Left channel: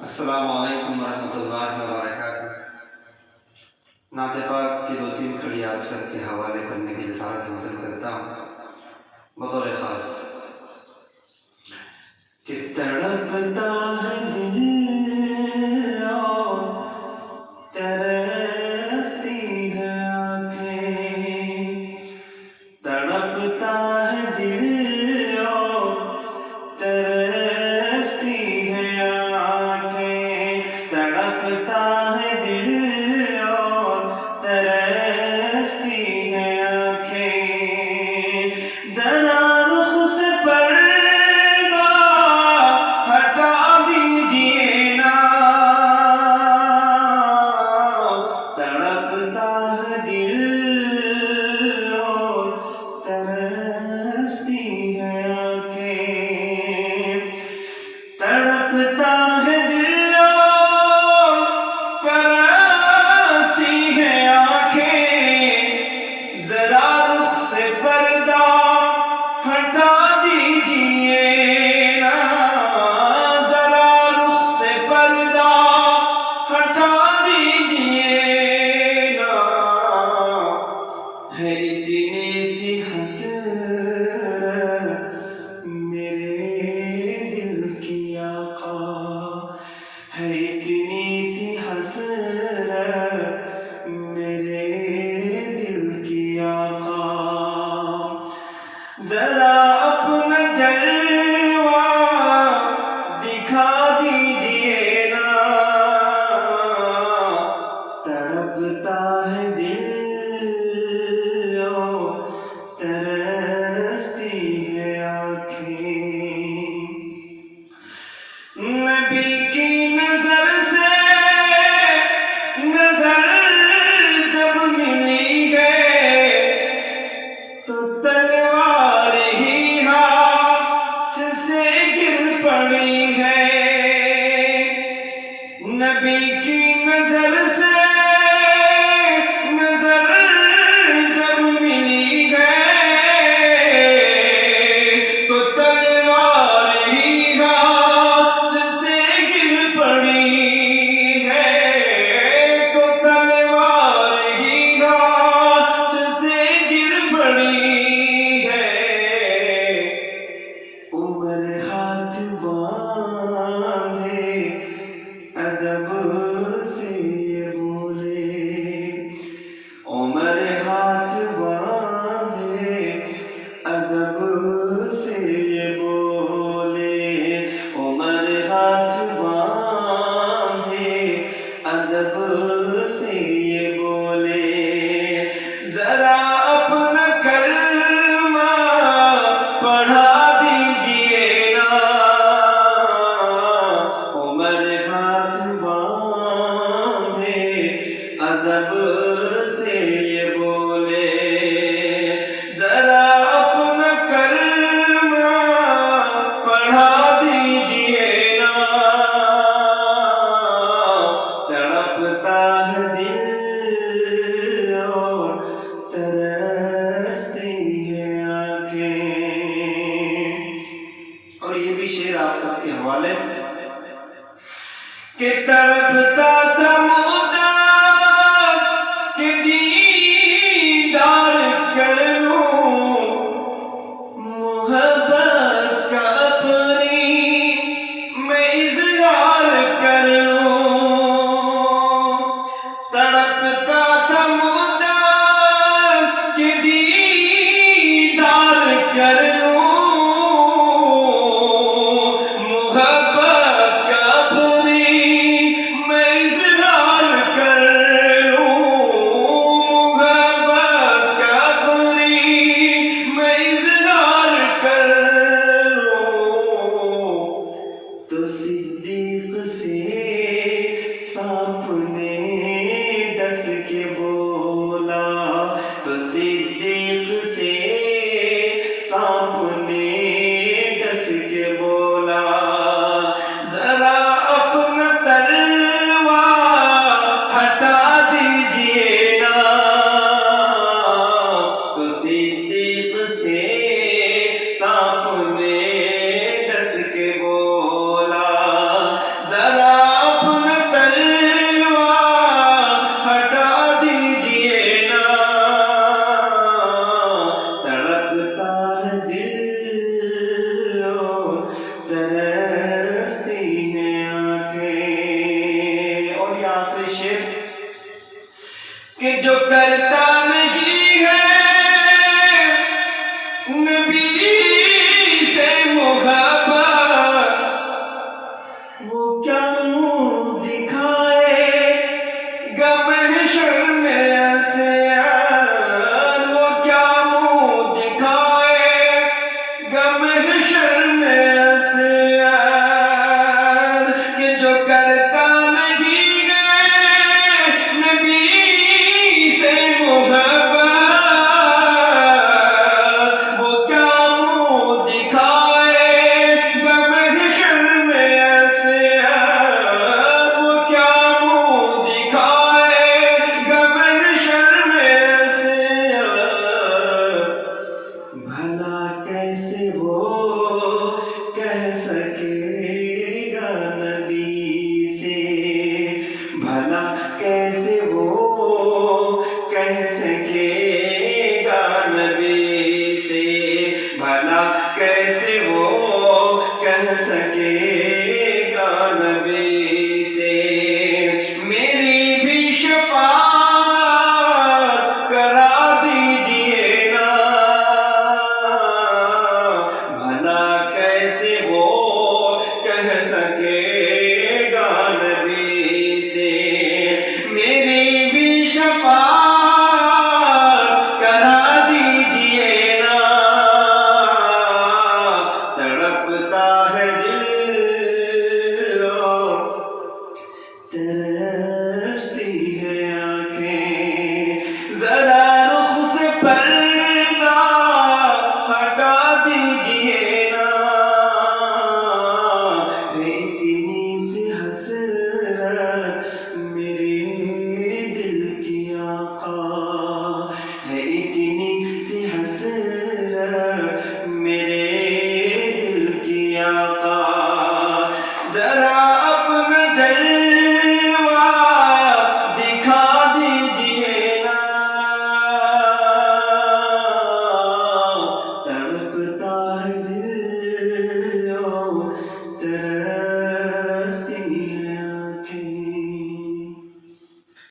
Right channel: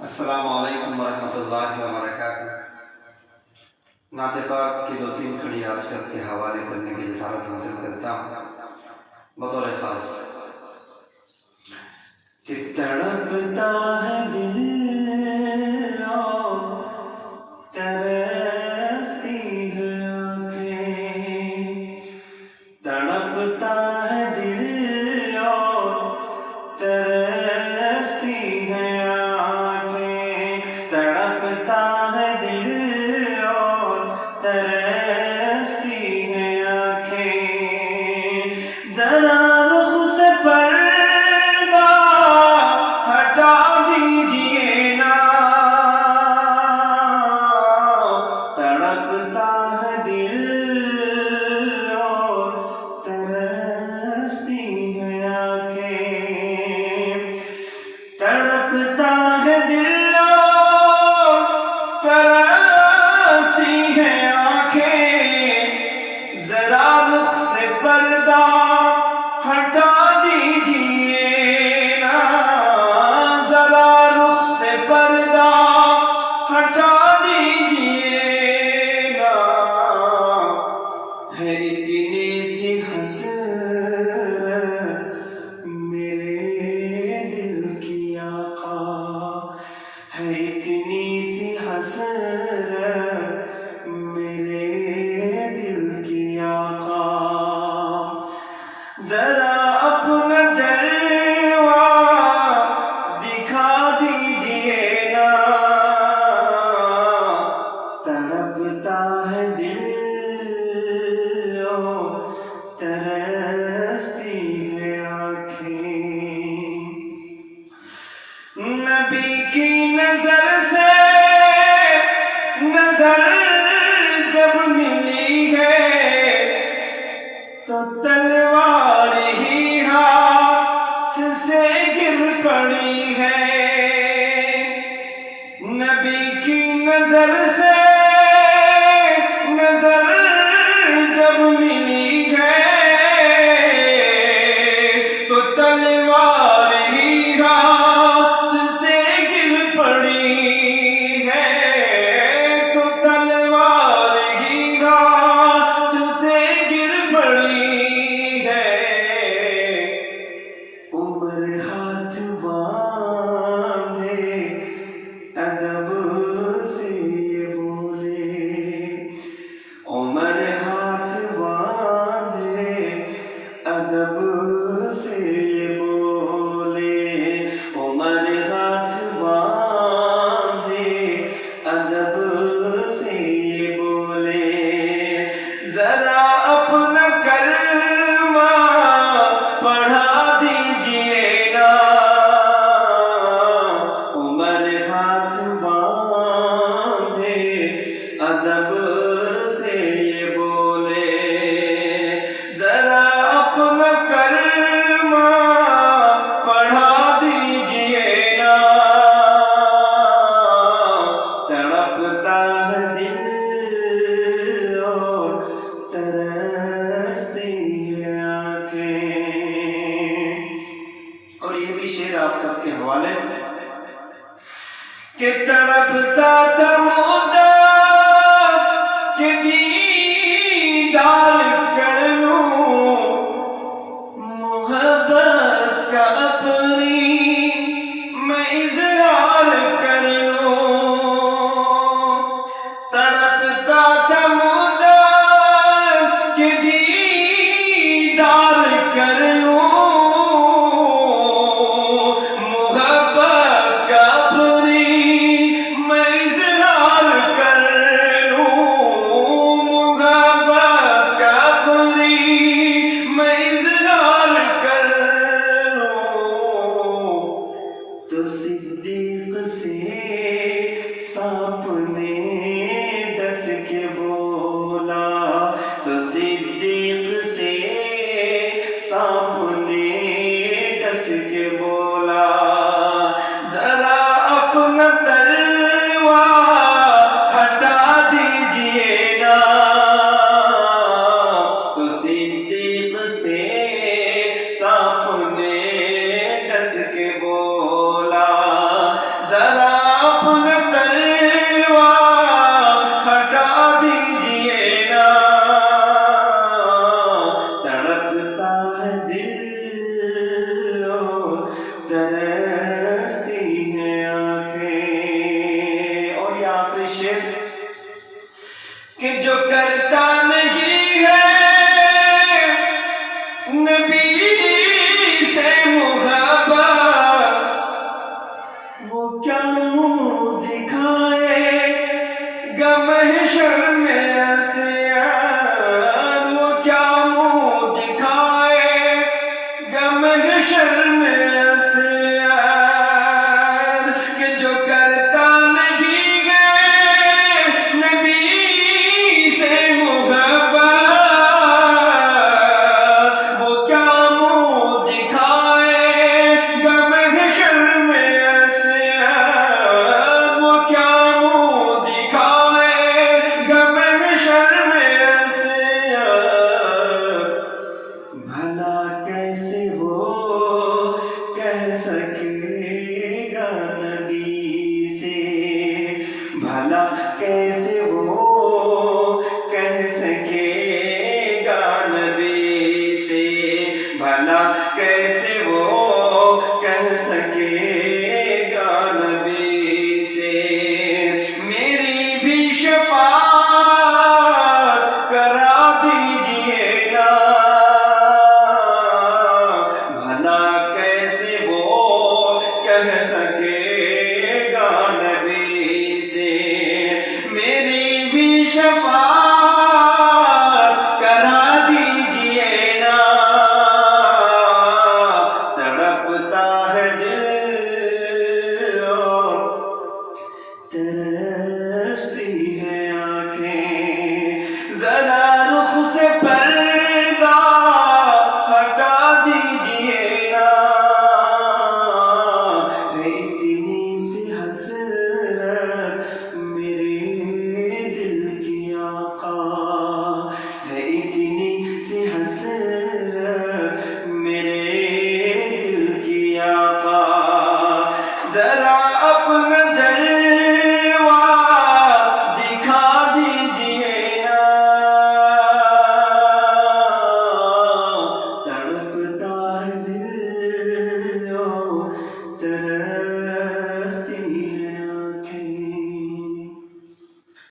अस्सलामु अलैकुम वरहमतुल्लाहि वबरकातुह। नाते पाक की दो तीन कड़ी आप सबके हवाले करने की जसारत हासिल करता हूँ बतौर ख़ास कि तड़पता है दिल और तरसती है आँखें, तड़पता है दिल और तरसती है आँखें, तड़पता है दिल और तरसती है आँखें। जरा रुख से पर्दा हटा दीजिए ना, तड़पता है दिल और तरसती है आँखें, तड़पता है दिल और तरसती है आँखें। जरा रुख से पर्दा हटा दीजिए ना, जरा रुख से पर्दा हटा दीजिए ना। है इतनी सी हसरत मेरे दिल की आका, है इतनी सी हसरत मेरे दिल की आका। जरा अपना जलवा दिखा दीजिए ना, तड़पता है दिल और तरसती है आँखें। नबी की नजर से नजर जब मिली है तो तलवार ही हाथ से गिर पड़ी है। नबी की नजर से नजर जब मिली है तो तलवार ही हाथ से गिर पड़ी है, तो तलवार ही हाथ से गिर पड़ी है। उम्र हाथ बांधे अदब से ये बोले, उम्र हाथ बांधे अदब से ये बोले, उम्र हाथ बांधे अदब से ये बोले। जरा अपना कलमा पढ़ा दीजिए ना, उम्र हाथ बांधे अदब से ये बोले। जरा अपना कलमा पढ़ा दीजिए ना, तड़पता है दिल और तरसती है आँखें। और ये भी शेर आप सबके हवाले कि तड़पता था मुद्दा कि दीदार कर लूं, मोहब्बत का अपनी मैं इज़हार कर लूं। तड़पता था मुद्दा कि दीदार कर लूं, मोहब्बत का अपनी मैं इज़हार कर लूं, मोहब्बत का अपनी मैं इज़हार कर लूं। तो सिद्दीक से सांप ने डस के बोला, तो सिद्दीक से सांप ने डस के बोला। जरा अपना तलवार हटा दीजिए ना, तो सिद्दीक से सांप ने डस के बोला। जरा वो क्या